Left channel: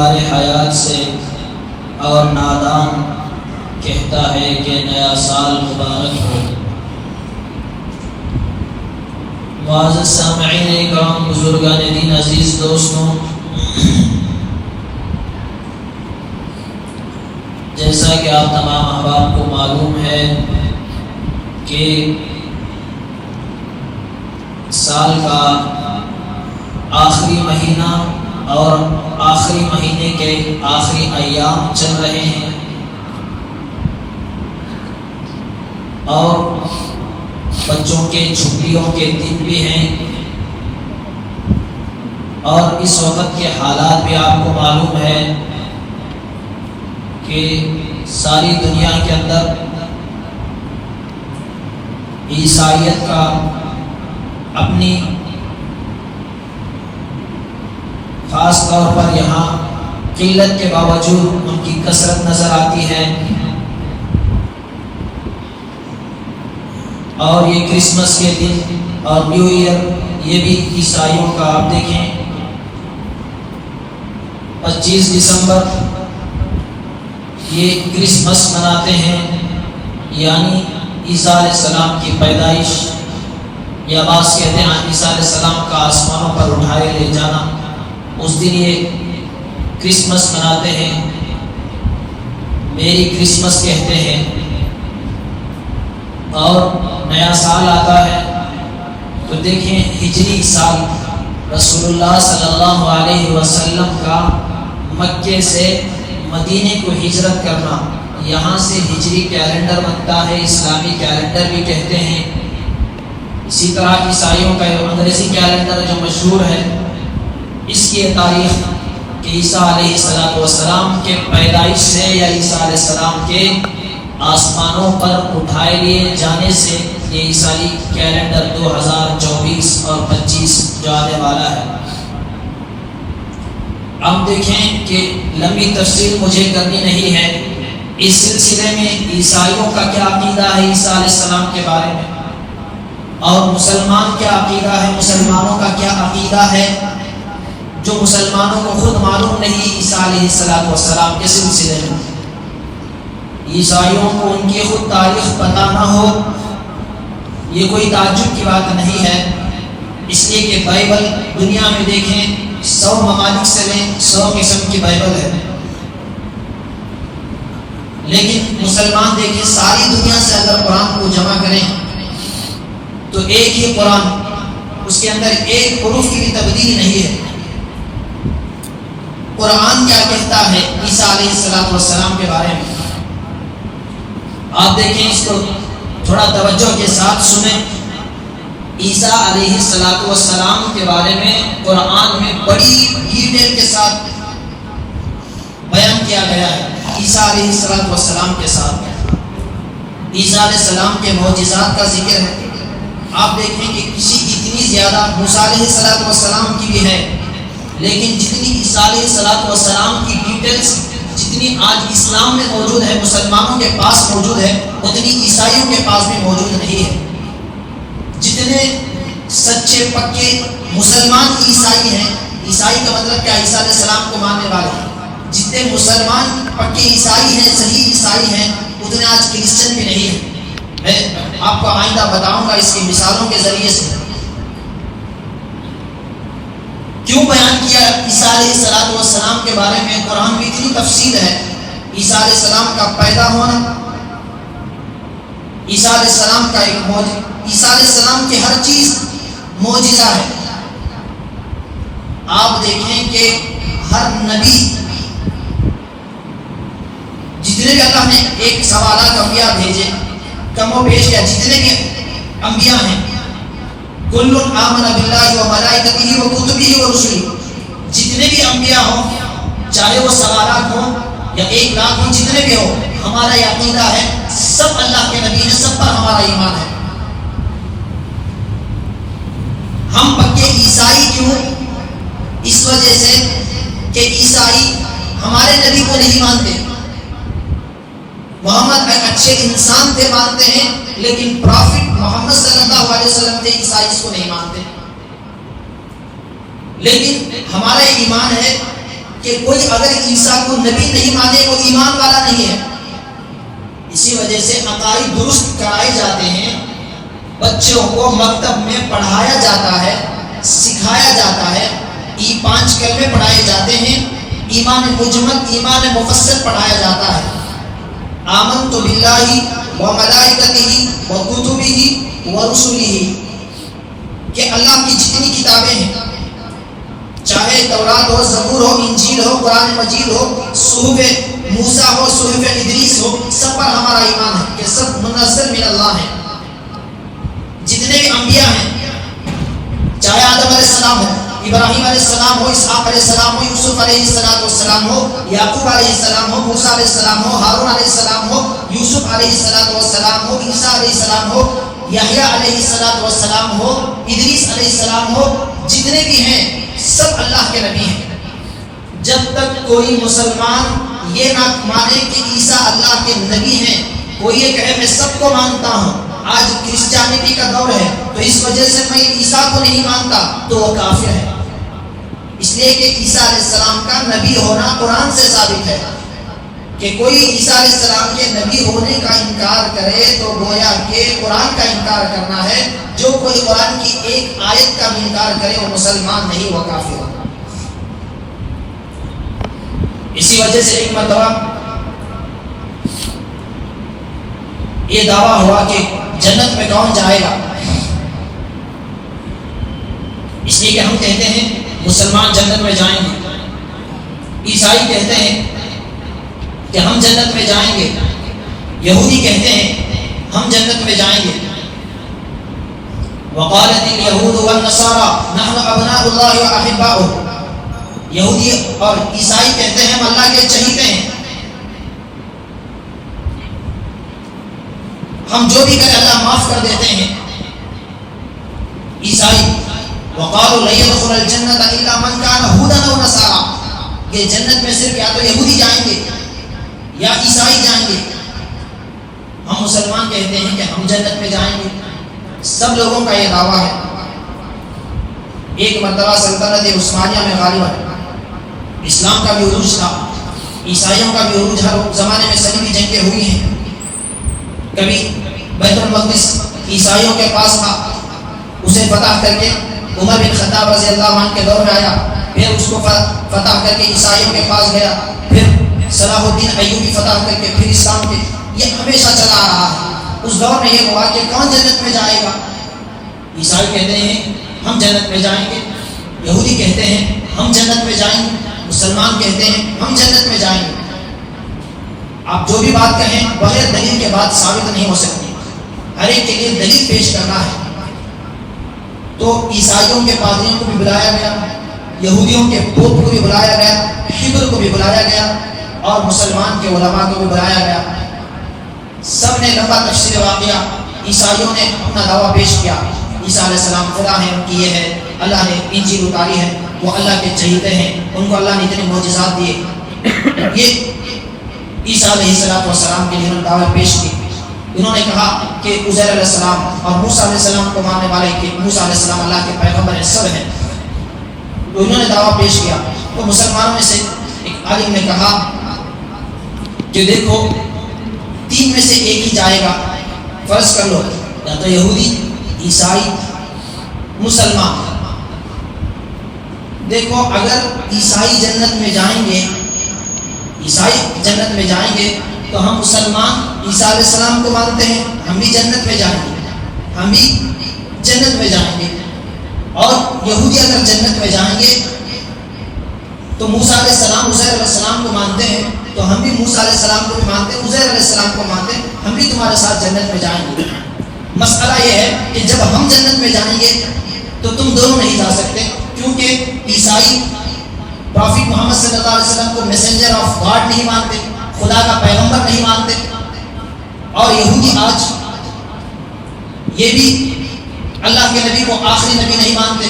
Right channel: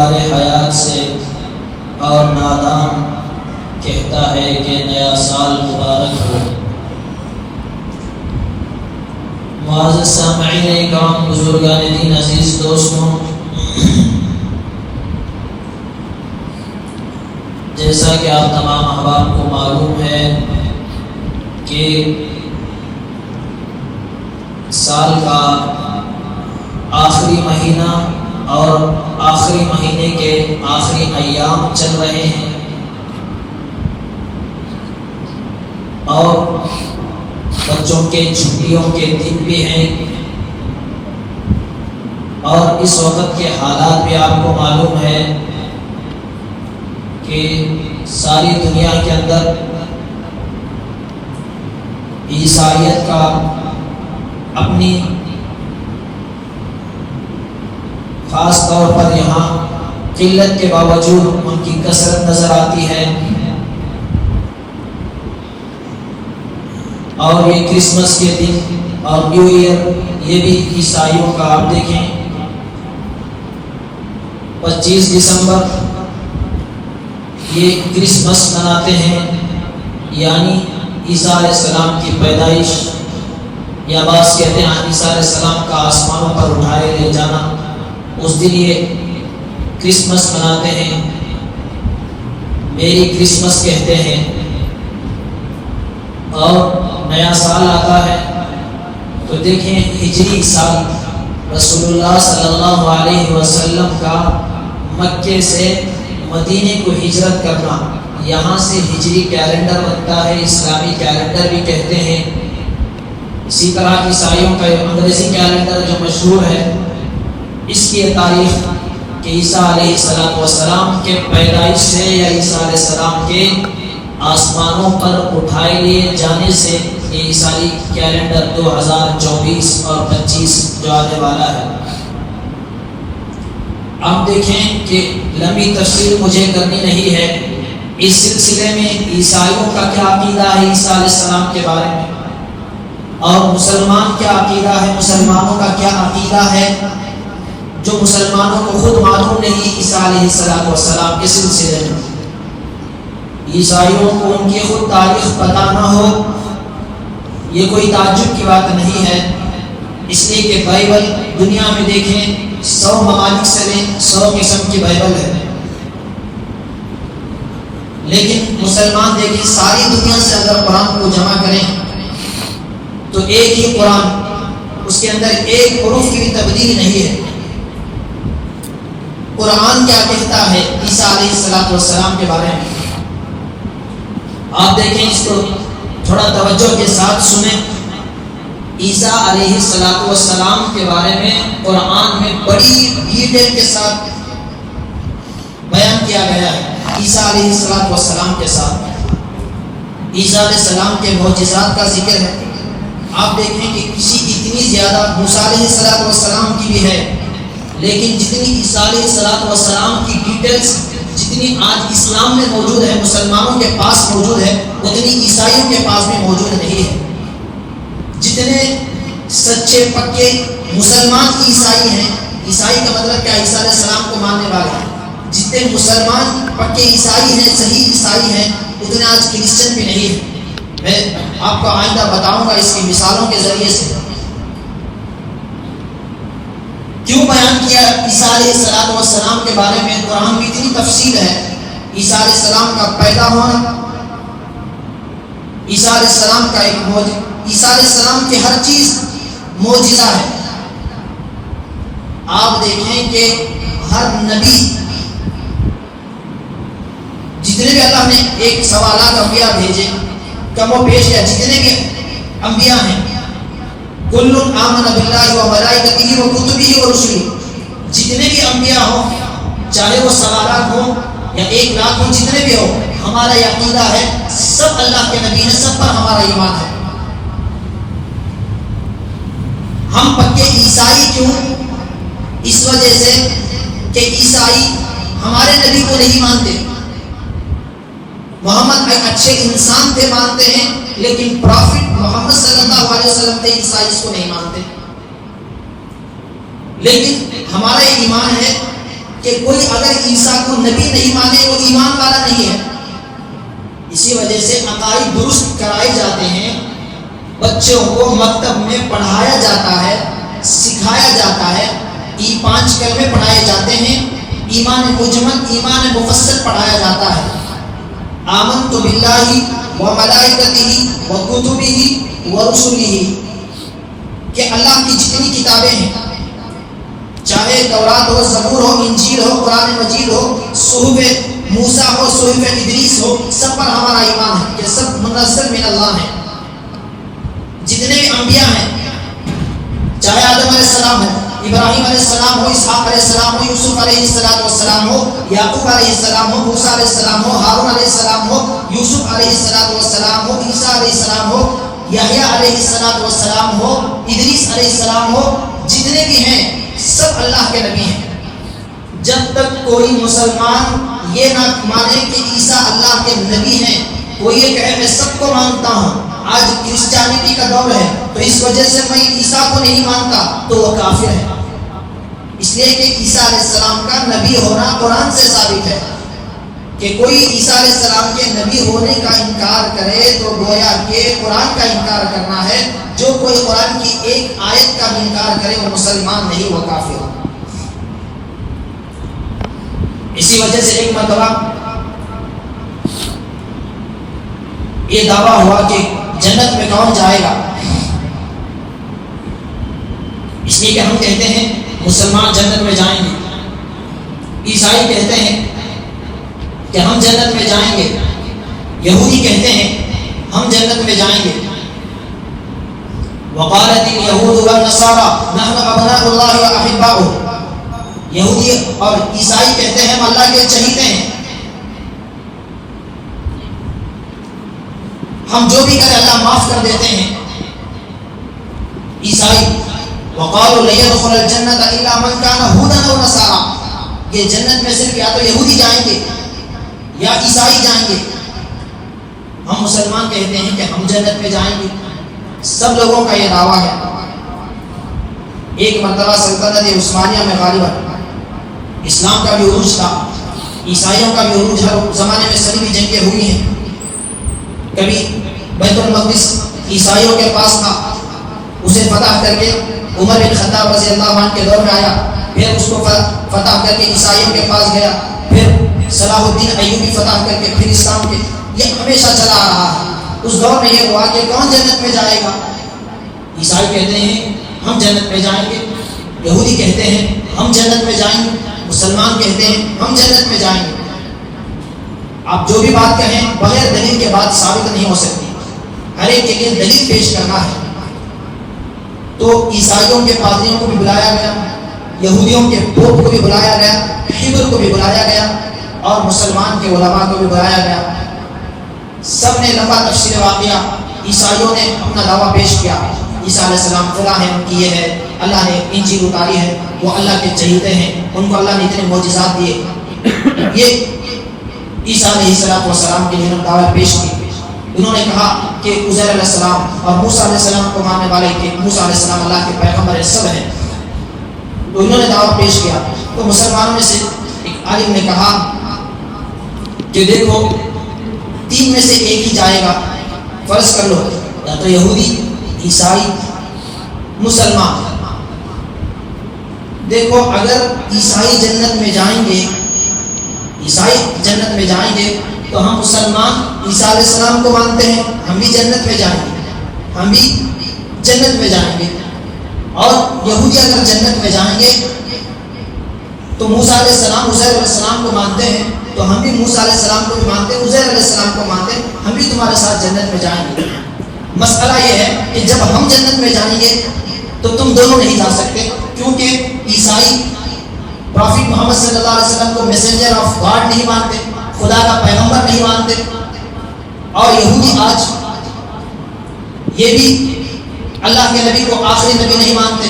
دیوار حیات سے اور نادان کہتا ہے کہ نیا سال مبارک ہو۔ معزز سامعین کرام، بزرگان دین، عزیز دوستوں، جیسا کہ آپ تمام احباب کو معلوم ہے کہ سال کا آخری مہینہ اور آخری مہینے کے آخری ایام چل رہے ہیں اور بچوں کے چھٹیوں کے دن بھی ہیں، اور اس وقت کے حالات بھی آپ کو معلوم ہے کہ ساری دنیا کے اندر عیسائیت کا اپنی خاص طور پر یہاں قلت کے باوجود ان کی کثرت نظر آتی ہے۔ اور یہ کرسمس کے دن اور نیو ایئر، یہ بھی عیسائیوں کا آپ دیکھیں 25 دسمبر یہ کرسمس مناتے ہیں، یعنی عیسیٰ علیہ السلام کی پیدائش، یا بعض کہتے ہیں عیسیٰ علیہ السلام کا آسمانوں پر اٹھائے لے جانا، اس دن یہ کرسمس مناتے ہیں، میری کرسمس کہتے ہیں۔ اور نیا سال آتا ہے تو دیکھیں ہجری سال رسول اللہ صلی اللہ علیہ وسلم کا مکے سے مدینے کو ہجرت کرنا، یہاں سے ہجری کیلنڈر بنتا ہے، اسلامی کیلنڈر بھی کہتے ہیں۔ اسی طرح عیسائیوں کا انگریزی کیلنڈر جو مشہور ہے، اس کی تاریخ کہ عیسیٰ علیہ السلام کے پیدائش سے یا عیسیٰ علیہ السلام کے آسمانوں پر اٹھائے لیے جانے سے یہ عیسائی کیلنڈر 2024 اور 25 جو آنے والا ہے۔ اب دیکھیں کہ لمبی تفصیل مجھے کرنی نہیں ہے، اس سلسلے میں عیسائیوں کا کیا عقیدہ ہے عیسیٰ علیہ السلام کے بارے میں، اور مسلمان کیا عقیدہ ہے، مسلمانوں کا کیا عقیدہ ہے، جو مسلمانوں کو خود معلوم نہیں عیسیٰ علیہ السلام کے سلسلے میں۔ عیسائیوں کو ان کی خود تاریخ پتہ نہ ہو، یہ کوئی تعجب کی بات نہیں ہے، اس لیے کہ بائبل دنیا میں دیکھیں 100 ممالک سے لیں 100 قسم کی بائبل ہے، لیکن مسلمان دیکھیں ساری دنیا سے اگر قرآن کو جمع کریں تو ایک ہی قرآن، اس کے اندر ایک حروف کی تبدیل نہیں ہے۔ قرآن کیا کہتا ہے عیسیٰ علیہ السلام کے بارے میں، آپ دیکھیں اس کو تھوڑا توجہ کے ساتھ سنیں۔ عیسیٰ علیہ السلام کے بارے میں قرآن میں بڑی ڈیٹیل کے ساتھ بیان کیا گیا ہے۔ عیسیٰ علیہ السلام کے ساتھ عیسیٰ علیہ السلام کے معجزات کا ذکر ہے۔ آپ دیکھیں کہ کسی کی اتنی زیادہ موسیٰ علیہ السلام کی بھی ہے، لیکن جتنی عیسیٰ علیہ السلام کی ڈیٹیلز جتنی آج اسلام میں موجود ہے، مسلمانوں کے پاس موجود ہے، اتنی عیسائیوں کے پاس بھی موجود نہیں ہے۔ جتنے سچے پکے مسلمان عیسائی ہیں، عیسائی کا مطلب کیا، عیسیٰ علیہ السلام کو ماننے والے ہیں، جتنے مسلمان پکے عیسائی ہیں، صحیح عیسائی ہیں، اتنے آج کرسچن بھی نہیں ہیں۔ میں آپ کو آئندہ بتاؤں گا اس کی مثالوں کے ذریعے سے کیوں بیان کیا عیسیٰ علیہ السلام کے بارے میں۔ قرآن میں اتنی تفصیل ہے، عیسیٰ علیہ السلام کا پیدا ہونا، عیسیٰ علیہ السلام کا ایک عیسیٰ علیہ السلام کی ہر چیز معجزہ ہے۔ آپ دیکھیں کہ ہر نبی، جتنے بھی اللہ نے ایک سوالات انبیاء بھیجے، کم و بیش یا جتنے بھی انبیاء ہیں، کل آمن باللہ و ملائکتہ و کتبہ و رسلہ، جتنے بھی انبیاء ہوں، چاہے وہ سوالات ہوں یا 1 لاکھ ہوں، جتنے بھی ہوں، ہمارا یہ عقیدہ ہے سب اللہ کے نبی ہیں، سب پر ہمارا ایمان ہے۔ ہم پکے عیسائی کیوں؟ اس وجہ سے کہ عیسائی ہمارے نبی کو نہیں مانتے، محمد ایک اچھے انسان تھے مانتے ہیں، لیکن پرافٹ محمد صلی اللہ علیہ وسلم تھے، عیسائی اس کو نہیں مانتے۔ لیکن ہمارا ایمان ہے کہ کوئی اگر عیسیٰ کو نبی نہیں مانے وہ ایمان والا نہیں ہے۔ اسی وجہ سے عقائد درست کرائے جاتے ہیں، بچوں کو مکتب میں پڑھایا جاتا ہے، سکھایا جاتا ہے، 5 کلمے پڑھائے جاتے ہیں، ایمان مجمل ایمان مفصل پڑھایا جاتا ہے۔ آمنت باللہ و ملائکتہ و کتبہ و رسلہ، کہ اللہ کی جتنی کتابیں ہیں، چاہے تورات ہو، زبور ہو، انجیل ہو، قرآن مجید ہو، صحف موسیٰ ہو، صحف ادریس ہو، سب پر ہمارا ایمان ہے کہ سب منزل من اللہ ہے۔ جتنے بھی انبیاء ہیں، چاہے آدم علیہ السلام ہے، ابراہیم علیہ السلام ہو، اسحاق علیہ السلام ہو، یوسف علیہ السلام ہو، یعقوب علیہ السلام ہو، موسیٰ علیہ السلام ہو، ہارون علیہ السلام ہو، یوسف علیہ السلام ہو، عیسیٰ علیہ السلام ہو، یحییٰ علیہ السلام ہو، ادریس علیہ السلام ہو، جتنے بھی ہیں سب اللہ کے نبی ہیں۔ جب تک کوئی مسلمان یہ نہ مانے کہ عیسیٰ اللہ کے نبی ہیں، کوئی یہ کہے میں سب کو مانتا ہوں، آج کرسچینٹی کا دور ہے تو اس وجہ سے میں عیسیٰ کو نہیں مانتا، تو وہ کافر ہے۔ اس لیے کہ عیسیٰ علیہ السلام کا نبی ہونا قرآن سے ثابت ہے، کہ کوئی عیسیٰ علیہ السلام کے نبی ہونے کا انکار کرے تو گویا کہ قرآن کا انکار کرنا ہے۔ جو کوئی قرآن کی ایک آیت کا انکار کرے وہ مسلمان نہیں، وہ کافر۔ اسی وجہ سے ایک مرتبہ یہ دعویٰ ہوا کہ جنت میں کون جائے گا، اس لیے کہ ہم کہتے ہیں مسلمان جنت میں جائیں گے، عیسائی کہتے ہیں کہ ہم جنت میں جائیں گے، یہودی کہتے ہیں ہم جنت میں جائیں گے۔ وقالت اليهود والنصارى نحن ابناء الله واحباؤه، یہودی اور عیسائی کہتے ہیں ہم اللہ کے چہیتے ہیں، ہم جو بھی کریں اللہ معاف کر دیتے ہیں۔ عیسائی وقالوا لن يدخل الجنة الا من كان هودا او نصارى، یہ جنت میں صرف یا تو یہودی جائیں گے یا عیسائی جائیں گے۔ ہم مسلمان کہتے ہیں کہ ہم جنت میں جائیں گے۔ سب لوگوں کا یہ دعویٰ ہے۔ ایک مرتبہ سلطنت عثمانیہ میں غالباً اسلام کا بھی عروج تھا، عیسائیوں کا بھی عروج، ہر زمانے میں صلیبی جنگیں ہوئی ہیں۔ کبھی بیت المقدس عیسائیوں کے پاس تھا، اسے فتح کر کے عمر بن خطاب رضی اللہ عنہ کے دور میں آیا، پھر اس کو فتح کر کے عیسائیوں کے پاس گیا، پھر صلاح الدین ایوبی فتح کر کے پھر اسلام کے، یہ ہمیشہ چلا آ رہا ہے۔ اس دور میں یہ ہوا کہ کون جنت میں جائے گا؟ عیسائی کہتے ہیں ہم جنت میں جائیں گے، یہودی کہتے ہیں ہم جنت میں جائیں گے، مسلمان کہتے ہیں ہم جنت میں جائیں گے۔ آپ جو بھی بات کہیں بغیر دلیل کے بات ثابت نہیں ہو سکتی، ہر ایک کے لیے دلیل پیش کرنا ہے۔ تو عیسائیوں کے پادریوں کو بھی بلایا گیا، یہودیوں کے پوپ کو بھی بلایا گیا، حبر کو بھی بلایا گیا، اور مسلمان کے علماء کو بھی بلایا گیا۔ سب نے لمبا تفصیل واقعہ، عیسائیوں نے اپنا دعویٰ پیش کیا، عیسیٰ علیہ السلام خدا ہے، ان کی یہ ہے، اللہ نے انجیل اتاری ہے، وہ اللہ کے چہیتے ہیں، ان کو اللہ نے اتنے معجزات دیے۔ یہ عیسیٰ علیہ السلام کے لیے دعویٰ پیش کی۔ انہوں نے کہا کہ عزیر علیہ السلام اور موسیٰ علیہ السلام کو ماننے والے کہ موسیٰ علیہ السلام اللہ کے پیغمبر سب ہیں، تو انہوں نے دعویٰ پیش کیا۔ تو مسلمانوں میں سے ایک عالم نے کہا کہ دیکھو 3 میں سے ایک ہی جائے گا، فرض کر لو یا تو یہودی، عیسائی، مسلمان۔ دیکھو اگر عیسائی جنت میں جائیں گے، عیسائی جنت میں جائیں گے تو ہم مسلمان عیسیٰ علیہ السلام کو مانتے ہیں، ہم بھی جنت میں جائیں گے، ہم بھی جنت میں جائیں گے۔ اور یہودی اگر جنت میں جائیں گے تو موسیٰ علیہ السلام عزیر علیہ السلام کو مانتے ہیں، تو ہم بھی موسیٰ علیہ السلام کو بھی مانتے ہیں، عزیر علیہ السلام کو مانتے ہیں، ہم بھی تمہارے ساتھ جنت میں جائیں گے۔ مسئلہ یہ ہے کہ جب ہم جنت میں جائیں گے تو تم دونوں نہیں جا سکتے، کیونکہ عیسائی پروفیٹ محمد صلی اللہ علیہ وسلم کو میسنجر آف گاڈ نہیں مانتے، خدا کا پیغمبر نہیں مانتے، اور یہودی آج یہ بھی اللہ کے نبی کو آخری نبی نہیں مانتے۔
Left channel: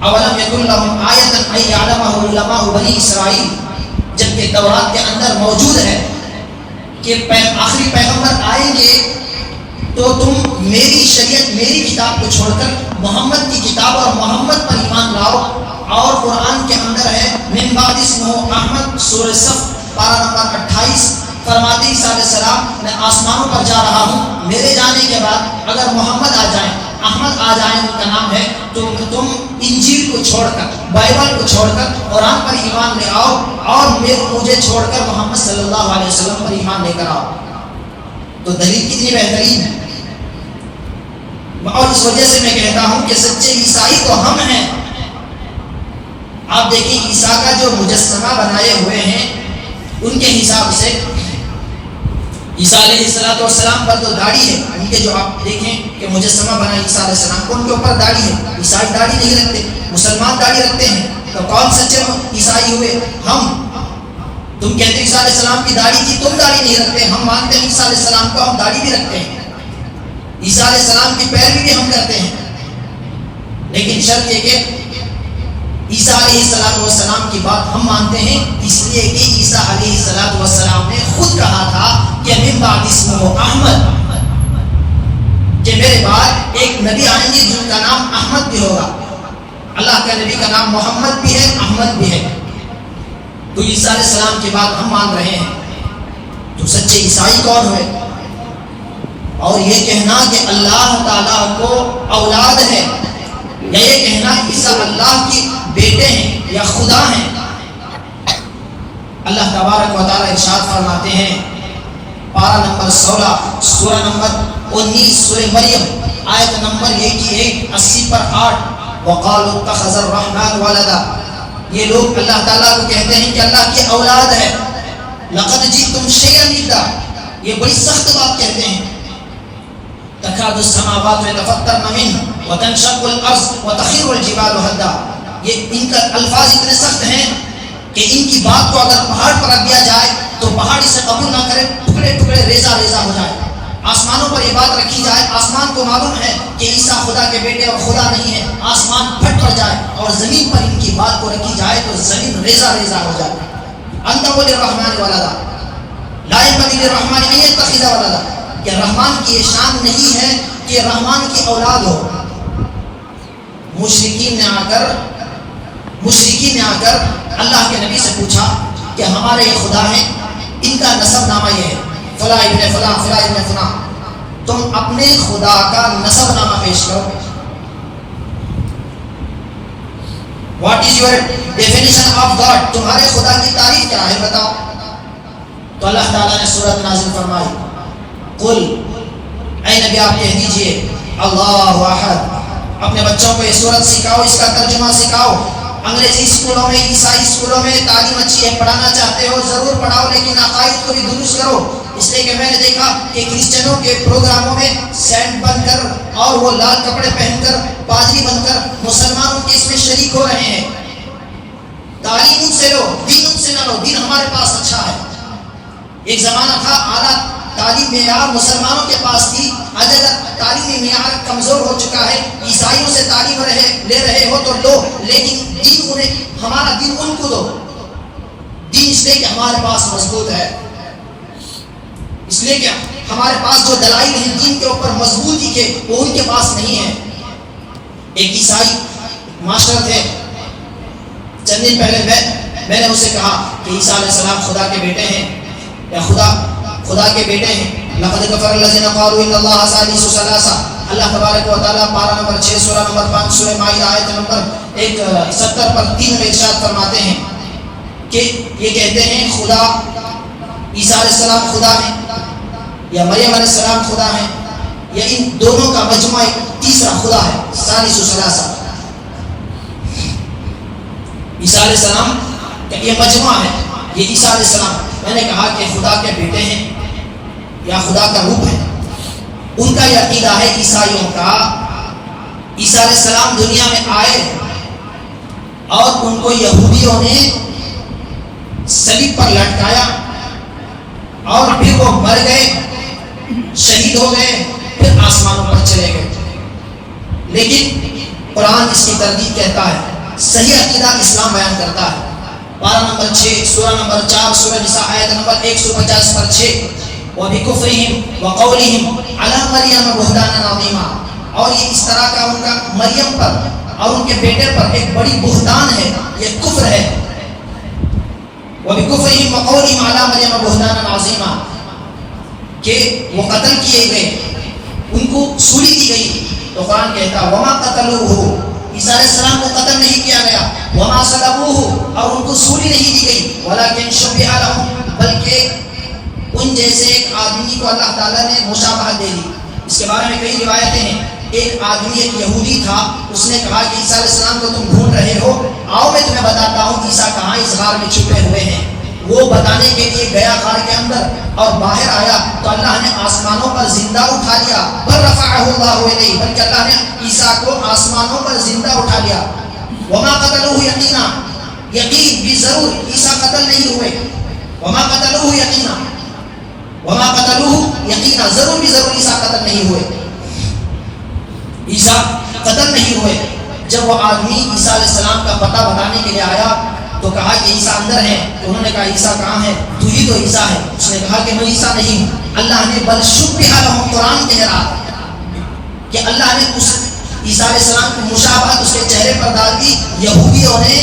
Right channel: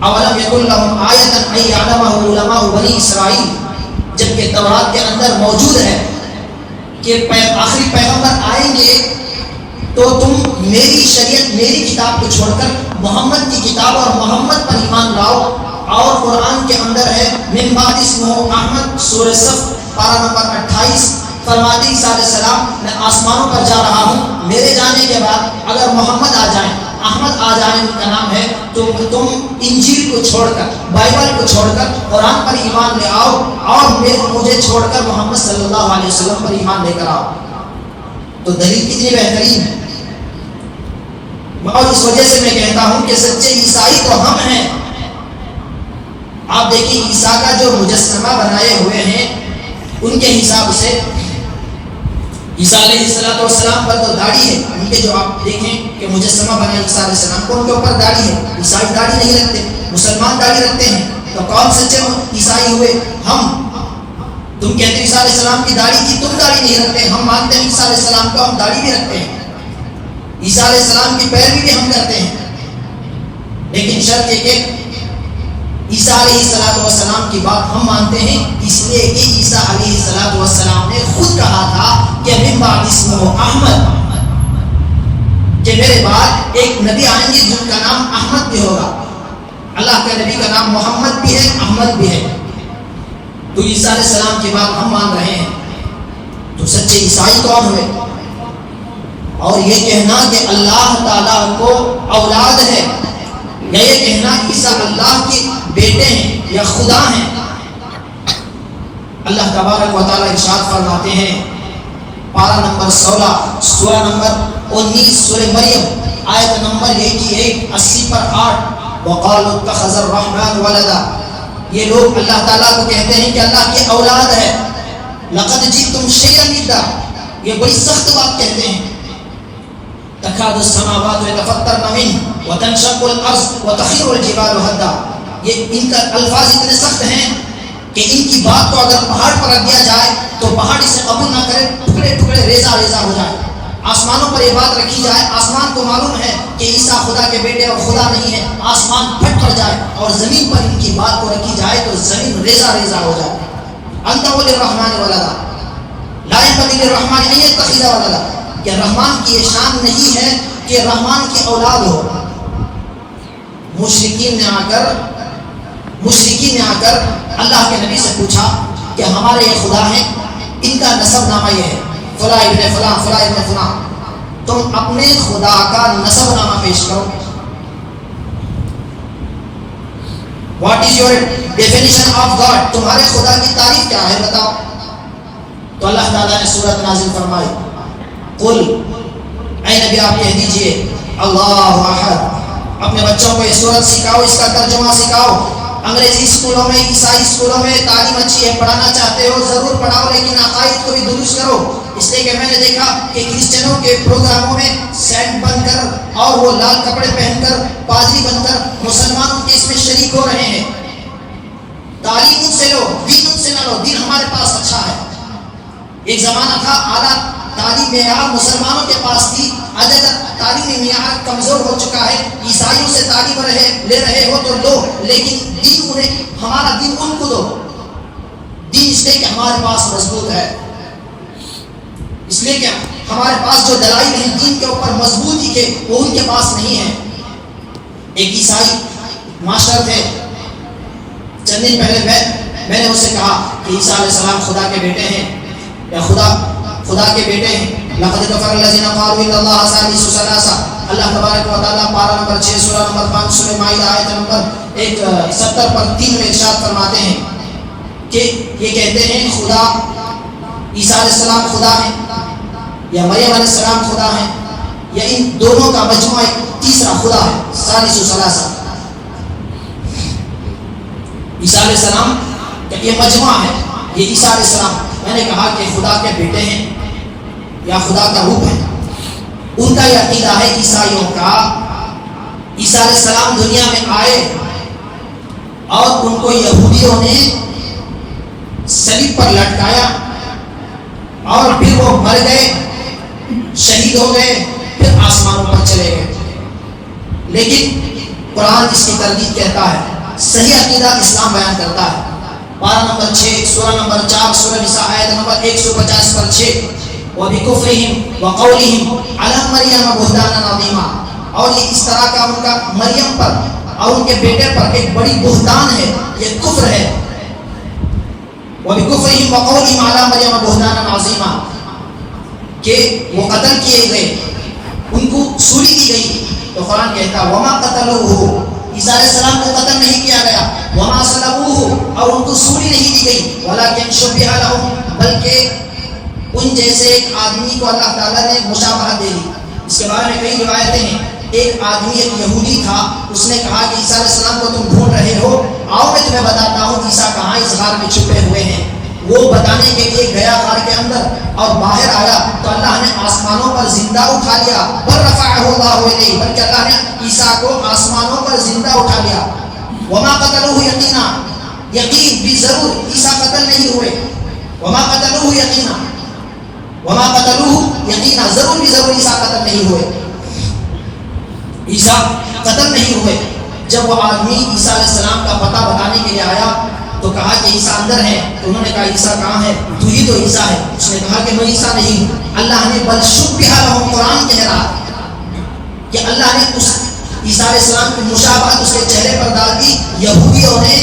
اولم یکن لہم آیۃ ان یعلمہ علماء بنی اسرائیل، جبکہ تورات کے اندر موجود ہے کہ آخری پیغمبر آئیں گے تو تم میری شریعت، میری کتاب کو چھوڑ کر محمد کی کتاب اور محمد پر ایمان لاؤ، اور قرآن کے اندر ہے من بعد اسمہ احمد، سورہ صف پارہ نمبر 28، فرماتے عیسیٰ علیہ السلام میں آسمانوں پر جا رہا ہوں، میرے جانے کے بعد اگر محمد آ جائیں، احمد آ جائیں، ان کا نام ہے، تو تم انجیل کو چھوڑ کر، بائبل کو چھوڑ کر قرآن پر ایمان لے آؤ اور مجھے چھوڑ کر محمد صلی اللہ علیہ وسلم پر ایمان لے کر آؤ۔ تو دلیل کتنی بہترین ہے، اور اس وجہ سے میں کہتا ہوں کہ سچے عیسائی تو ہم ہیں۔ آپ دیکھیں عیسیٰ کا جو مجسمہ بنائے ہوئے ہیں، ان کے حساب سے عیسیٰ علیہ السلام پر تو داڑھی ہے، ان کے جو آپ دیکھیں کہ مجسمہ بنا عیسیٰ علیہ السلام کو، ان کے اوپر داڑھی ہے۔ عیسائی داڑھی نہیں رکھتے، مسلمان داڑھی رکھتے ہیں، تو کون سچے عیسائی ہوئے؟ ہم۔ تم کہتے ہیں عیسیٰ علیہ السلام کی داڑھی تھی، تم داڑھی نہیں رکھتے، ہم مانتے ہیں عیسیٰ علیہ السلام کو، ہم داڑھی بھی رکھتے ہیں، عیسیٰ علیہ السلام کی پیروی بھی ہم کرتے ہیں، لیکن شرط یہ کہ عیسیٰ علیہ السلام کی بات ہم مانتے ہیں، اس لیے کہ عیسیٰ علیہ السلام نے خود کہا تھا کہ من بعد اسمہ احمد، کہ میرے بعد ایک نبی آئیں گے جن کا نام احمد بھی ہوگا۔ اللہ کے نبی کا نام محمد بھی ہے، احمد بھی ہے، تو عیسیٰ علیہ السلام کی بات ہم مان رہے ہیں۔ تو سچے عیسائی کون ہوئے؟ اور یہ کہنا کہ اللہ تعالیٰ کو اولاد ہے، یا یہ کہنا عیسیٰ اللہ کے بیٹے ہیں یا خدا ہیں، اللہ تبارک و تعالیٰ ارشاد فرماتے ہیں پارہ نمبر 16 سورہ نمبر 19 سورہ مریم آیت نمبر 80 پر 8، وقالوا اتخذ الرحمن ولدا، یہ لوگ اللہ تعالیٰ کو کہتے ہیں کہ اللہ کی اولاد ہے۔ لقد جئتم شیئا ادا، یہ بڑی سخت بات کہتے ہیں۔ تکاد السماوات يتفطرن منه وتنشق الارض وتخر الجبال هدا، یہ ان کا الفاظ اتنے سخت ہیں کہ ان کی بات کو اگر پہاڑ پر رکھ دیا جائے تو پہاڑ اسے قبول نہ کرے، ٹکڑے ٹکڑے ریزہ ریزہ ہو جائے۔ آسمانوں پر یہ بات رکھی جائے، آسمان کو معلوم ہے کہ عیسیٰ خدا کے بیٹے اور خدا نہیں ہے، آسمان پھٹ پڑ جائے، اور زمین پر ان کی بات کو رکھی جائے تو زمین ریزہ ریزہ ہو جائے۔ انت للرحمن ولدا لا ينبغي للرحمن ان يتخذ ولدا، کہ رحمان کی یہ شان نہیں ہے کہ رحمان کی اولاد ہو۔ مشرکین نے آ کر اللہ کے نبی سے پوچھا کہ ہمارے یہ خدا ہیں، ان کا نسب نامہ یہ ہے، فلاں ابن فلاں فلاں ابن فلاں، تم اپنے خدا کا نسب نامہ پیش کرو۔ What is your definition of God, تمہارے خدا کی تعریف کیا ہے بتاؤ۔ تو اللہ تعالیٰ نے سورت نازل فرمائی، قل، اے نبی آپ کہہ دیجئے اللہ احد، اپنے بچوں کو یہ سورت سکھاؤ، اس کا ترجمہ سکھاؤ۔ انگریزی اسکولوں میں، عیسائی اسکولوں میں تعلیم اچھی ہے، پڑھانا چاہتے ہو ضرور پڑھاؤ، لیکن عقائد کو بھی درست کرو۔ اس لیے کہ میں نے دیکھا کہ کرسچنوں کے پروگراموں میں سینٹ بن کر اور وہ لال کپڑے پہن کر پادری بن کر مسلمانوں کے اس میں شریک ہو رہے ہیں۔ تعلیم ان سے لو، دین ان سے نہ لو، دین ہمارے پاس اچھا ہے۔ ایک زمانہ تھا اعلیٰ تعلیم معیار مسلمانوں کے پاس تھی، آج اگر تعلیمی معیار کمزور ہو چکا ہے، عیسائیوں سے تعلیم لے رہے ہو تو لو، لیکن دین انہیں، ہمارا دین ان کو دو۔ دین اس لیے کہ ہمارے پاس مضبوط ہے، اس لیے کہ ہمارے پاس جو دلائل ہیں دین کے اوپر مضبوطی کے، وہ ان کے پاس نہیں ہے۔ ایک عیسائی ماسٹر تھے، چند دن پہلے میں نے اسے کہا کہ عیسیٰ علیہ السلام خدا کے بیٹے ہیں یا خدا کے بیٹے ہیں۔ لقد کفر الذین قالوا ان اللہ ثالث ثلاثہ، اللہ تبارک و تعالیٰ پارہ نمبر 6 سورہ نمبر 5 سورہ مائدہ آیت نمبر 70 پر 3 میں ارشاد فرماتے ہیں کہ یہ کہتے ہیں خدا، عیسیٰ علیہ السلام خدا ہیں یا مریم علیہ السلام خدا ہیں، یا ان دونوں کا مجموعہ ایک تیسرا خدا ہے، ثالث ثلاثہ۔ عیسیٰ علیہ السلام یہ مجموعہ ہے، یہ عیسیٰ علیہ السلام، میں نے کہا کہ خدا کے بیٹے ہیں یا خدا کا روپ ہے۔ ان کا یہ عقیدہ ہے عیسائیوں کا، عیسیٰ علیہ السلام دنیا میں آئے اور ان کو یہودیوں نے صلیب پر لٹکایا اور پھر وہ مر گئے، شہید ہو گئے، پھر آسمانوں پر چلے گئے۔ لیکن قرآن اس کی تردید کہتا ہے، صحیح عقیدہ اسلام بیان کرتا ہے۔ پارہ نمبر 6 سورہ نمبر 4 سورہ نساء آیت نمبر 150 پر 6، وَبِكُفْرِهِمْ وَقَوْلِهِمْ عَلَى مَرْيَمَ بُهْتَانًا عَظِيمًا، اور یہ اس طرح کا ان کا مریم پر اور ان کے بیٹے پر ایک بڑی بہتان ہے، یہ کفر ہے. وَبِكُفْرِهِمْ وَقَوْلِهِمْ عَلَىٰ مَرْيَمَ بُهْتَانًا عَظِيمًا، کہ وہ قتل کیے گئے، ان کو سولی دی گئی. تو قرآن کہتا وَمَا قَتَلُوهُ، عیسیٰ علیہ السلام کو قتل نہیں کیا گیا. وَمَا صَلَبُوهُ، اور ان کو سولی نہیں دی گئی. وَلَٰكِنْ شُبِّهَ لَهُمْ، بلکہ ان جیسے ایک آدمی کو اللہ تعالیٰ نے مشابہت دے دی. اس کے بارے میں کئی روایتیں ہیں. ایک آدمی ایک یہودی تھا، اس نے کہا کہ عیسیٰ علیہ السلام کو تم ڈھونڈ رہے ہو، آؤ میں تمہیں بتاتا ہوں عیسیٰ کہاں اس غار میں چھپے ہوئے ہیں. وہ بتانے کے لیے گیا غار کے اندر اور باہر آیا تو اللہ نے آسمانوں پر زندہ اٹھا لیا. بل رفعہ اللہ الیہ، بلکہ اللہ نے عیسیٰ کو آسمانوں پر زندہ اٹھا لیا. وما قتلوہ یقینا، یقین بھی ضرور عیسیٰ قتل نہیں ہوئے. وما قتلوہ یقینا، وما قتلوہ یقینا، ضرور بھی ضرور عیسیٰ قتل نہیں ہوئے. عیسیٰ قتل نہیں ہوئے. جب وہ آدمی عیسیٰ علیہ السلام کا پتہ بتانے کے لیے آیا تو کہا کہ عیسیٰ اندر ہے. تو انہوں نے کہا عیسیٰ کہاں ہے؟ تو ہی تو عیسیٰ ہے. اس نے کہا کہ میں عیسیٰ نہیں ہوں. اللہ نے بل شبہ لہم، قرآن کہہ رہا کہ اللہ نے اس عیسیٰ علیہ السلام کی مشابہت اس کے چہرے پر ڈال دی. یہودیوں نے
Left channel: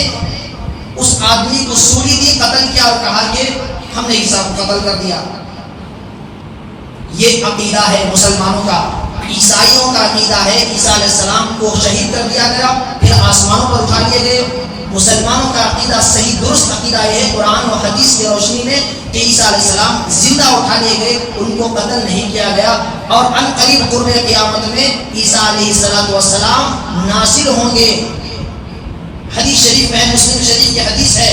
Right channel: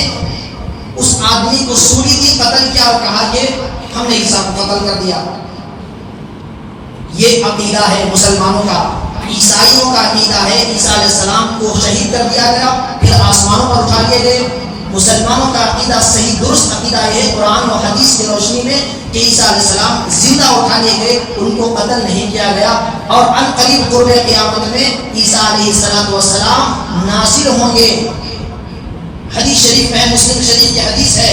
اس آدمی کو سولی دی، قتل کیا اور کہا کہ ہم نے عیسیٰ کو قتل کر دیا. یہ عقیدہ ہے مسلمانوں کا. عیسائیوں کا عقیدہ ہے عیسیٰ علیہ السلام کو شہید کر دیا گیا، پھر آسمانوں پر اٹھا لیے گئے. مسلمانوں کا عقیدہ صحیح درست عقیدہ یہ ہے قرآن و حدیث کی روشنی میں کہ عیسیٰ علیہ السلام زندہ اٹھا لیے گئے، ان کو قتل نہیں کیا گیا. اور ان قریب قرب قیامت میں عیسیٰ علیہ السلام نازل ہوں گے. حدیث شریف ہے، مسلم شریف کی حدیث ہے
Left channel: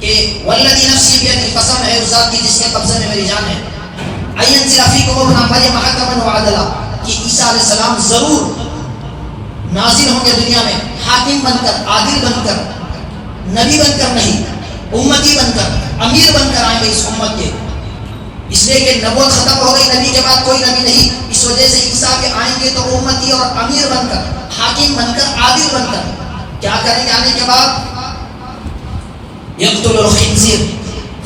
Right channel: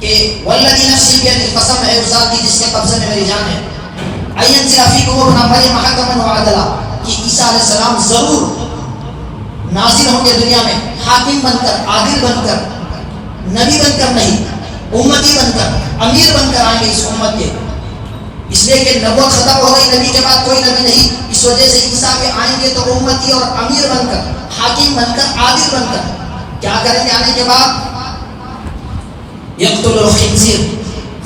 کہ والذی نفسی بیدہ، قسم ہے اس ذات کی جس کے قبضے میں میری جان ہے، اینزل فیکم ابن مریم حکما وعدلا، کہ عیسیٰ علیہ السلام ضرور نازل ہوں گے دنیا میں حاکم بن کر، عادل بن کر، نبی بن کر نہیں، امتی بن کر، امیر بن کر آئیں گے اس امت کے. اس لیے کہ نبوت ختم ہو گئی، نبی کے بعد کوئی نبی نہیں. اس وجہ سے عیسیٰ کے آئیں گے تو امتی اور امیر بن کر، حاکم بن کر، عادل بن کر. کیا کریں گے آنے کے بعد؟ یقتل الخنزیر،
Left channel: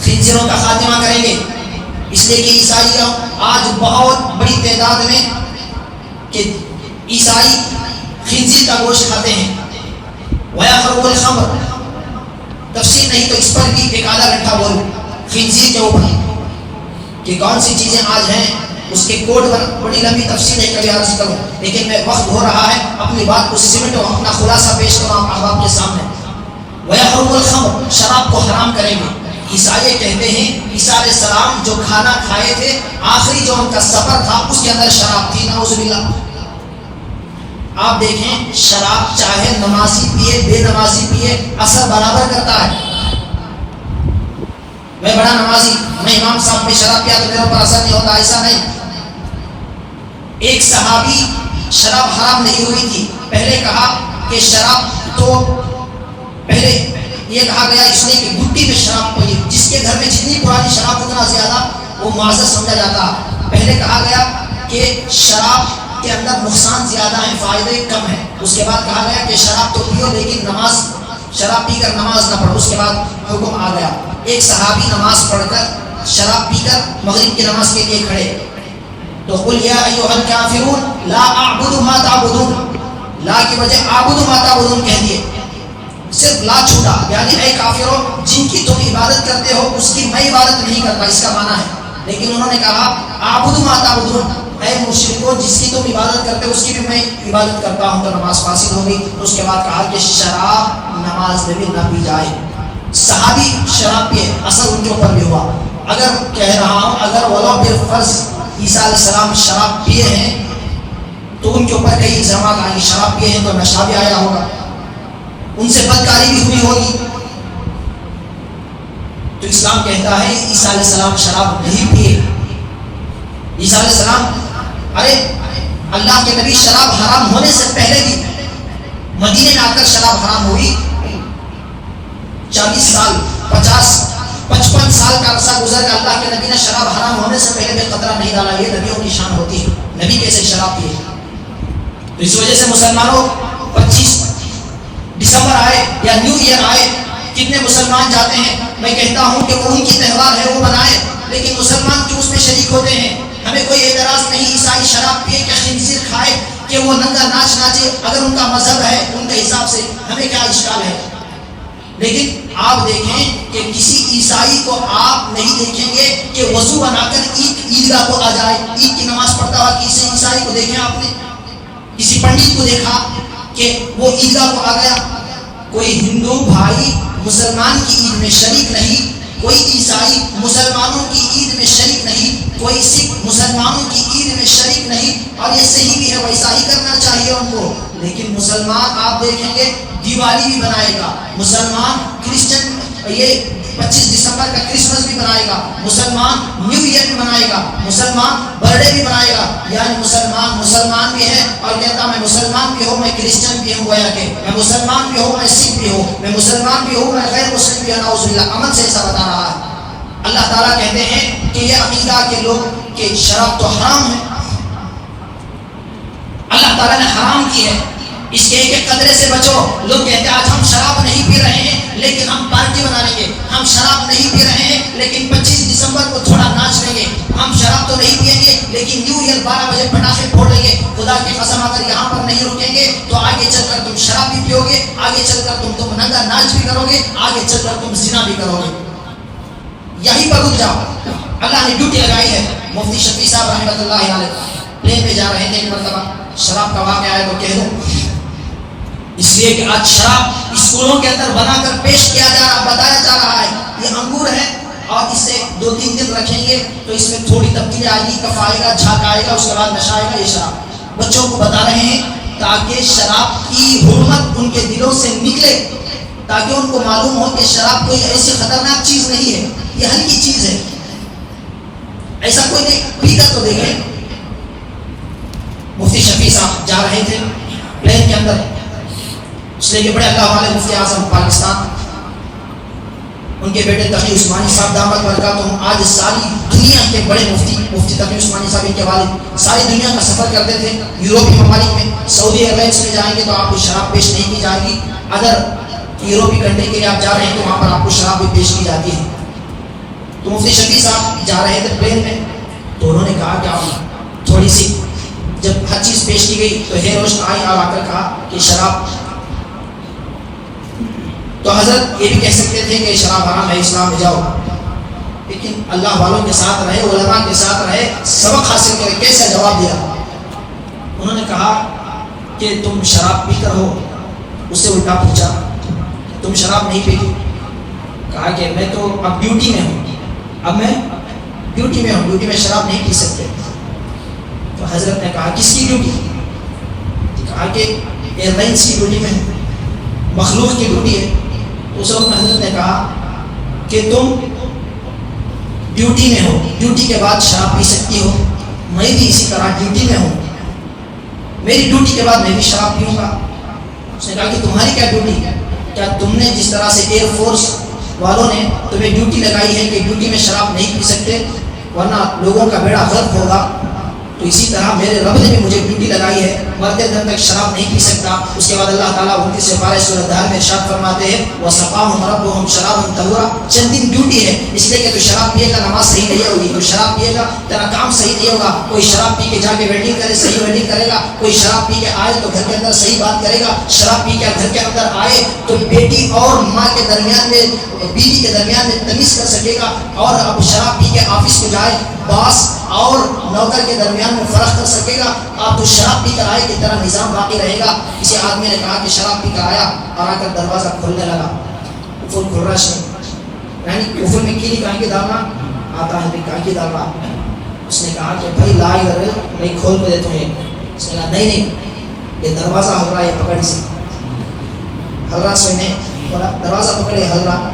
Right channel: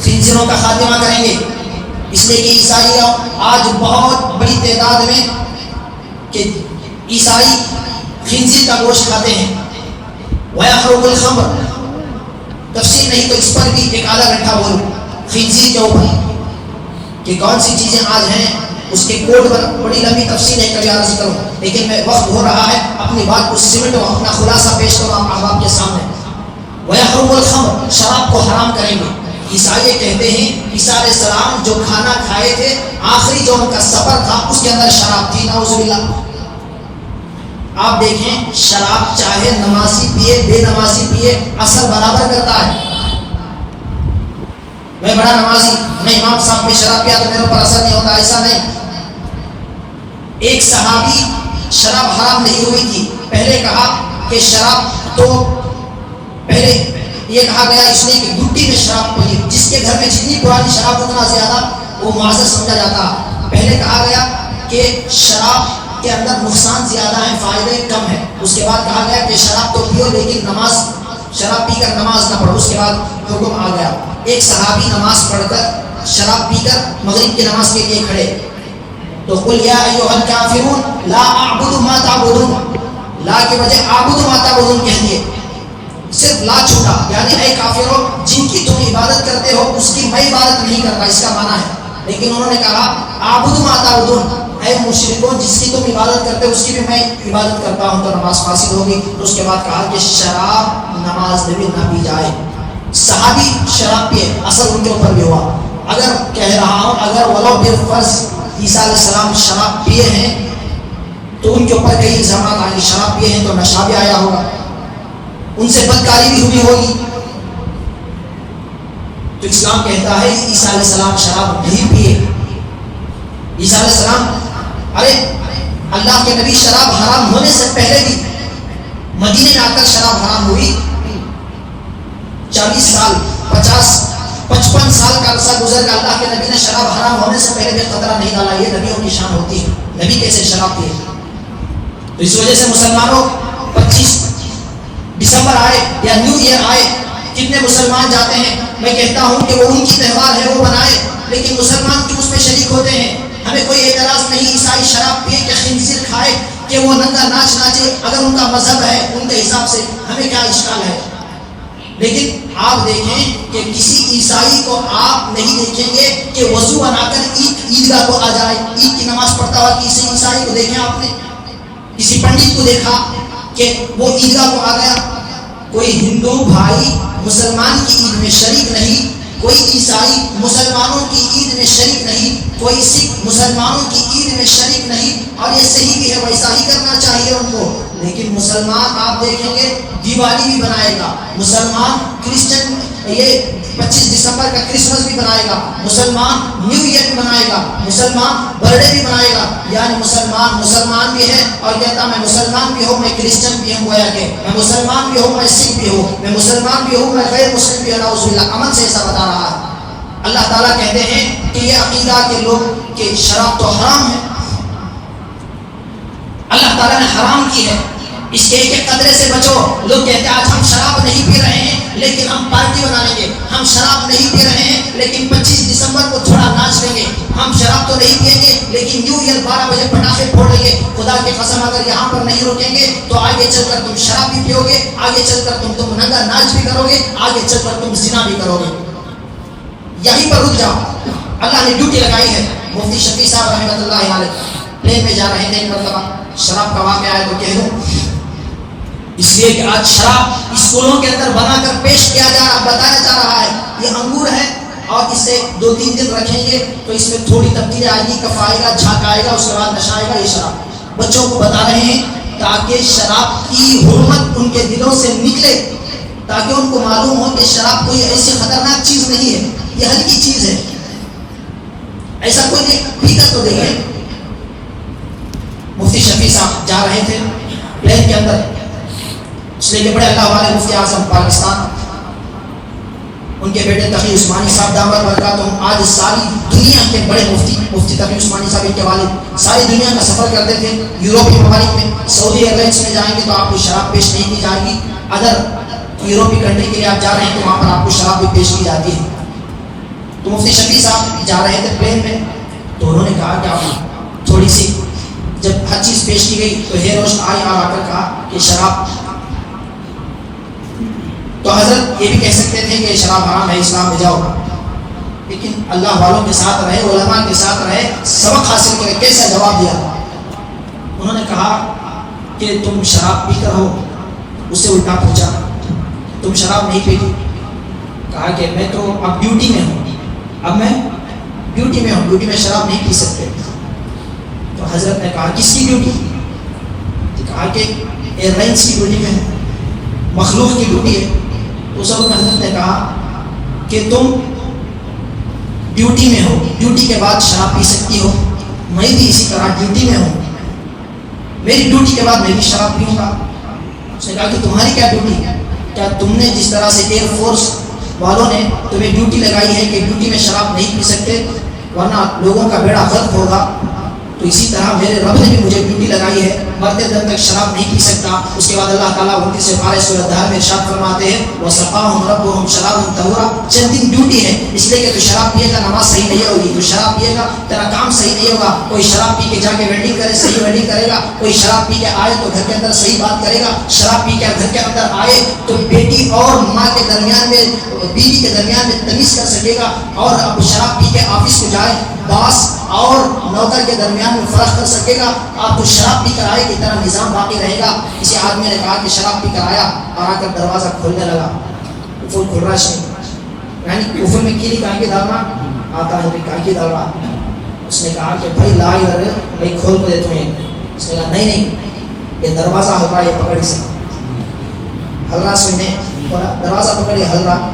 خنزیروں کا خاتمہ کریں گے. اس لیے کہ عیسائی آج بہت بڑی تعداد میں کہ عیسائی خنزیر کا گوشت کھاتے ہیں. وَيَحْرُمُ الْخَمْرُ، تفصیل نہیں تو اس پر بھی ایک آدھا گھنٹہ بولوں خنزیر کے اوپر کہ کون سی چیزیں آج ہیں. اس کے کوڈ پر بڑی لمبی تفصیل ہے، کبھی عرض کروں، لیکن میں وقت ہو رہا ہے اپنی بات کو سمٹ اور اپنا خلاصہ پیش کروں آپ احباب کے سامنے. وَيَحْرُمُ الْخَمْرُ، شراب کو حرام کریں گے. عیسائی کہتے ہیں عیسیٰ علیہ السلام جو کھانا کھائے تھے، آخری جو ان کا سفر تھا اس کے اندر شراب تھی. نعوذ باللہ. آپ دیکھیں شراب چاہے نمازی پیے بے نمازی پیے اثر برابر کرتا ہے. میں بڑا نمازی، میں امام صاحب میں شراب پیا تو میرے اوپر اثر نہیں ہوتا، ایسا نہیں. ایک صحابی شراب حرام نہیں ہوئی تھی، پہلے کہا کہ شراب تو پہلے یہ کہا گیا اس لیے کہ گٹی میں شراب پی، جس کے گھر میں جتنی پرانی شراب اتنا زیادہ وہ معزز سمجھا جاتا. پہلے کہا گیا کہ شراب کے اندر نقصان زیادہ ہے، فائدے کم ہے. اس کے بعد کہا گیا کہ شراب تو پیو لیکن نماز، شراب پی کر نماز نہ پڑھو. اس کے بعد حکم آ گیا. ایک صحابی نماز پڑھ کر شراب پی کر مغرب کی نماز کے لیے کھڑے تو قل یا ایھا الکافرون لا اعبد ما تعبدون، لا کی وجہ اعبد ما تعبدون کہہ دیے، صرف لا چھوٹا، یعنی اے کافروں جن کی تم عبادت کرتے ہو اس کی میں عبادت نہیں کرتا، اس کا معنی ہے. لیکن انہوں نے کہا اعبد ما تعبدون، اے مشرکوں جس کی تم عبادت کرتے ہو اس کی بھی میں عبادت کرتا ہوں، تو نماز فاسد ہوگی. تو اس کے بعد کہا کہ شراب نماز میں بھی نہ پی جائے. صحابی شراب پیے، اثر ان کے اوپر بھی ہوا. اگر کہہ رہا ہوں اگر ولو بالفرض عیسیٰ علیہ السلام شراب پیے ہیں تو ان کے اوپر کئی الزامات آئیں گے. شراب پیے ہیں تو نشہ بھی آیا ہوگا، ان سے بدکاری بھی ہوئی ہوگی. تو اسلام کہتا ہے عیسیٰ علیہ السلام شراب نہیں پیے. عیسیٰ علیہ السلام، ارے اللہ کے نبی شراب حرام ہونے سے پہلے بھی مدینے میں آ کر شراب حرام ہوئی. 40 سال 50-55 سال کا عرصہ گزر گیا، اللہ کے نبی نے شراب حرام ہونے سے پہلے بھی قطرہ نہیں ڈالا. یہ نبیوں کی شان ہوتی ہے، نبی کیسے شراب پیے. تو اس وجہ سے مسلمانوں 25 دسمبر آئے یا نیو ایئر آئے، کتنے مسلمان جاتے ہیں، میں کہتا ہوں کہ وہ ان کی تہوار ہے وہ منائے، لیکن مسلمان کیوں اس میں شریک ہوتے ہیں. ہمیں کوئی اعتراض نہیں عیسائی شراب پیے کہ خنزیر کھائے کہ کہ وہ ننگا ناچ ناچے، اگر ان کا مذہب ہے ان کے حساب سے ہمیں کیا اشکال ہے؟ لیکن آپ دیکھیں کہ کسی عیسائی کو آپ نہیں دیکھیں گے کہ وضو بنا کر عیدگاہ کو آ جائے، عید کی نماز پڑھتا ہوا کسی عیسائی کو دیکھیں آپ نے؟ کسی پنڈت کو دیکھا کہ وہ عیدگاہ کو آ گیا؟ کوئی ہندو بھائی مسلمان کی عید میں شریک نہیں، کوئی عیسائی مسلمانوں کی عید میں شریک نہیں، کوئی سکھ مسلمانوں کی عید میں شریک نہیں، اور یہ صحیح بھی ہے، ویسا ہی کرنا چاہیے ان کو۔ لیکن مسلمان آپ دیکھیں گے دیوالی بھی منائے گا، مسلمان کرسچن یہ 25 دسمبر کا کرسمس بھی منائے گا، مسلمان نیو ایئر بھی منائے گا، مسلمان برتھ ڈے بھی منائے گا۔ یعنی مسلمان بھی ہے اور کہتا میں مسلمان بھی ہوں، میں کرسچن بھی ہوں، گویا کہ میں مسلمان بھی ہوں، میں سکھ بھی ہوں، میں مسلمان بھی ہوں، میں غیر مسلم بھی ہوں۔ نعوذ باللہ، عمل سے ایسا بتا رہا ہے۔ اللہ تعالیٰ کہتے ہیں کہ یہ عقیدہ کے لوگ کہ شراب تو حرام ہے، اللہ تعالیٰ نے حرام کی ہے، اس کے ایک قطرے سے بچو۔ لوگ کہتے ہیں آج ہم شراب نہیں پی رہے ہیں لیکن ہم پارٹی بنا لیں گے، ہم شراب نہیں پی رہے ہیں لیکن 25 دسمبر کو تھوڑا ناچ لیں گے، ہم شراب تو نہیں پئیں گے لیکن نیو ایئر 12 بجے پٹاخے پھوڑیں گے۔ خدا کی قسم اگر یہاں پر نہیں روکیں گے تو آگے چل کر تم شراب بھی پیو گے، آگے چل کر تم ننگا ناچ بھی کرو گے، آگے چل کر تم زنا بھی کرو گے۔ یہیں پر رک جاؤ، اللہ نے ڈیوٹی لگائی ہے۔ مفتی شفیع صاحب رحمۃ اللہ علیہ پلین پہ جا رہے تھے، ایک مرتبہ شراب کا واقعہ آیا تو کہہ دوں، اس لیے کہ آج شراب اسکولوں کے اندر بنا کر پیش کیا جا رہا، بتایا جا رہا ہے یہ انگور ہے اور اسے 2-3 دن رکھیں گے تو اس میں تھوڑی تبدیلی آئے گی، کف آئے گا، جھاگ آئے گا، اس کے بعد نشہ آئے گا۔ یہ شراب بچوں کو بتا رہے ہیں تاکہ شراب کی حرمت ان کے دلوں سے نکلے، تاکہ ان کو معلوم ہو کہ شراب کوئی ایسی خطرناک چیز نہیں ہے، یہ ہلکی چیز ہے، ایسا کوئی نہیں، پی کر تو دیکھیں۔ مفتی شفیع صاحب جا رہے تھے پلین کے اندر، اس لیے کہ بڑے اللہ والے مفتی اعظم پاکستان، ان کے بیٹے تقی عثمانی صاحب دعوت برکاتہم آج ساری دنیا کے بڑے مفتی تقی عثمانی صاحب ان کے والد ساری دنیا کا سفر کرتے تھے، یوروپی ممالک میں سعودی ایئر لائنس میں جائیں گے تو آپ کو شراب پیش نہیں کی جائے گی، اگر یوروپی کنٹری کے لیے آپ جا رہے ہیں تو وہاں پر آپ کو شراب بھی پیش کی جاتی ہے۔ تو مفتی شفیع صاحب جا رہے تھے پلین میں، تو انہوں نے کہا کہ آپ تھوڑی سی، جب ہر چیز پیش کی گئی تو ہیر روشن آئی اور آ کر کہا کہ شراب، تو حضرت یہ بھی کہہ سکتے تھے کہ شراب حرام ہے، اسلام میں جاؤ، لیکن اللہ والوں کے ساتھ رہے، علماء کے ساتھ رہے، سبق حاصل کرے، کیسا جواب دیا؟ انہوں نے کہا کہ تم شراب پی کر ہو، اس سے الٹا پوچھا تم شراب نہیں پیتی؟ کہا کہ میں تو اب ڈیوٹی میں ہوں، اب میں ڈیوٹی میں ہوں، ڈیوٹی میں شراب نہیں پی سکتے۔ تو حضرت نے کہا کس کی ڈیوٹی؟ کہا کہ ایئر لائنس کی ڈیوٹی میں ہے، مخلوق کی ڈیوٹی ہے۔ اس وقت حضرت نے کہا کہ تم ڈیوٹی میں ہو، ڈیوٹی کے بعد شراب پی سکتی ہو، میں بھی اسی طرح ڈیوٹی میں ہوں، میری ڈیوٹی کے بعد میں بھی شراب پیوں گا۔ اس نے کہا کہ تمہاری کیا ڈیوٹی؟ کیا تم نے جس طرح سے ایئر فورس والوں نے تمہیں ڈیوٹی لگائی ہے کہ ڈیوٹی میں شراب نہیں پی سکتے ورنہ لوگوں کا بیڑا غرق ہوگا، تو اسی طرح میرے رب نے بھی مجھے ڈیوٹی لگائی ہے، مرتے دم تک شراب نہیں پی سکتا۔ اس کے بعد اللہ تعالیٰ ان سے پارے سورۃ الدہر میں ارشاد فرماتے ہیں وَسَقَاهُمْ رَبُّهُمْ شَرَابًا طَهُورًا، چند دن ڈیوٹی ہے، اس لیے کہ تو شراب پیے گا نماز صحیح نہیں ہوگی، تو شراب پیے گا تیرا کام صحیح نہیں ہوگا، کوئی شراب پی کے جا کے ویڈنگ کرے صحیح ویڈنگ کرے گا، کوئی شراب پی کے آئے تو گھر کے اندر صحیح بات کرے گا، شراب پی کے گھر کے اندر آئے تو بیٹی اور ماں کے درمیان میں، بیوی کے درمیان میں تمیز کر سکے گا، اور اب شراب پی کے آفس کو جائے باس اور نوکر کے درمیان میں فرق کر سکے گا۔ آپ تو شراب پی کر آئے کی طرح نظام باقی رہے گا۔ کسی آدمی نے کہا کہ شراب پی کر آیا اور آ کر دروازہ کھولنے لگا، قفل کھل رہا ہے، یعنی قفل میں کیلی کانکی ڈالنا آتا ہے، کانکی ڈالنا۔ اس نے کہا کہ بھائی لا ادھر، میں کھول کے دے تمہیں۔ اس نے کہا نہیں، یہ دروازہ ہل رہا ہے، یہ پکڑ سے ہل رہا، سننے دروازہ پکڑے ہل رہا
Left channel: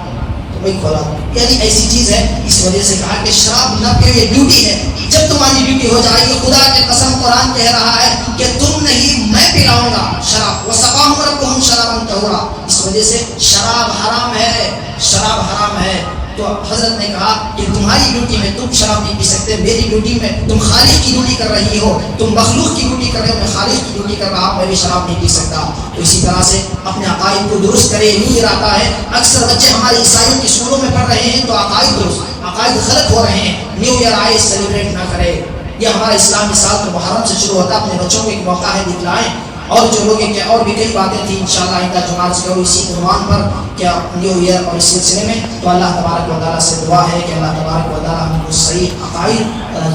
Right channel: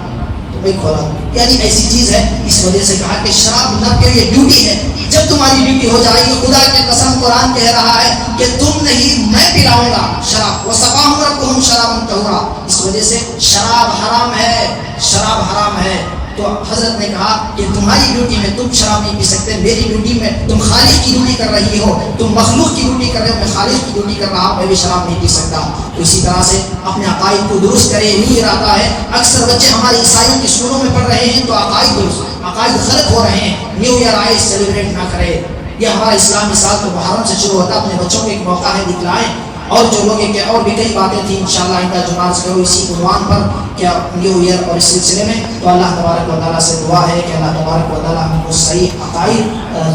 تو بھائی کھولا، یعنی ایسی چیز ہے۔ اس وجہ سے کہا کہ شراب نہ پیو، یہ ڈیوٹی ہے، جب تمہاری ڈیوٹی ہو جائے گی، خدا کی قسم قرآن کہہ رہا ہے کہ تم نہیں میں پلاؤں گا شراب، وَسَقَاهُمْ رَبُّهُمْ شَرَابًا طَهُورًا۔ اس وجہ سے شراب حرام ہے، شراب حرام ہے۔ تو حضرت نے کہا کہ تمہاری ڈیوٹی میں تم شراب نہیں پی سکتے، میری ڈیوٹی میں تم خالق کی ڈیوٹی کر رہی ہو، تم مخلوق کی ڈیوٹی کر رہے ہو، میں خالق کی ڈیوٹی کر رہا ہوں، میں بھی شراب نہیں پی سکتا۔ تو اسی طرح سے اپنے عقائد کو درست کرے، یوں ہی رہتا ہے۔ اکثر بچے ہمارے عیسائیوں کے اسکولوں میں پڑھ رہے ہیں تو عقائد غلط ہو رہے ہیں، نیو ایئر آئے سیلیبریٹ نہ کرے، یہ ہمارا اسلامی سال تو محرم سے شروع ہوتا ہے. اپنے بچوں کو ایک موقع ہے دکھلائیں. اور جو لوگ کہ اور بھی کئی باتیں تھیں انشاءاللہ آئندہ جمعہ سے کرو اسی عنوان پر کیا نیو ایئر اور اس سلسلے میں. تو اللہ تبارک و تعالیٰ سے دعا ہے کہ اللہ تبارک و تعالیٰ ہمیں کو صحیح عقائد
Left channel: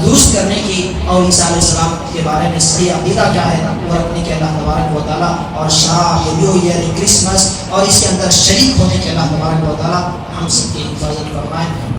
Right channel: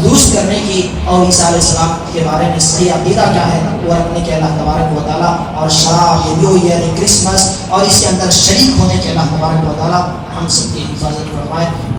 درست کرنے کی اور عیسیٰ علیہ السلام کے بارے میں صحیح عقیدہ کیا ہے وہ رکھنے کے اللہ تبارک و تعالیٰ اور شراب نیو ایئر کرسمس اور اس کے اندر شریک ہونے کے اللہ تبارک و تعالیٰ ہم سب کی حفاظت فرمائے.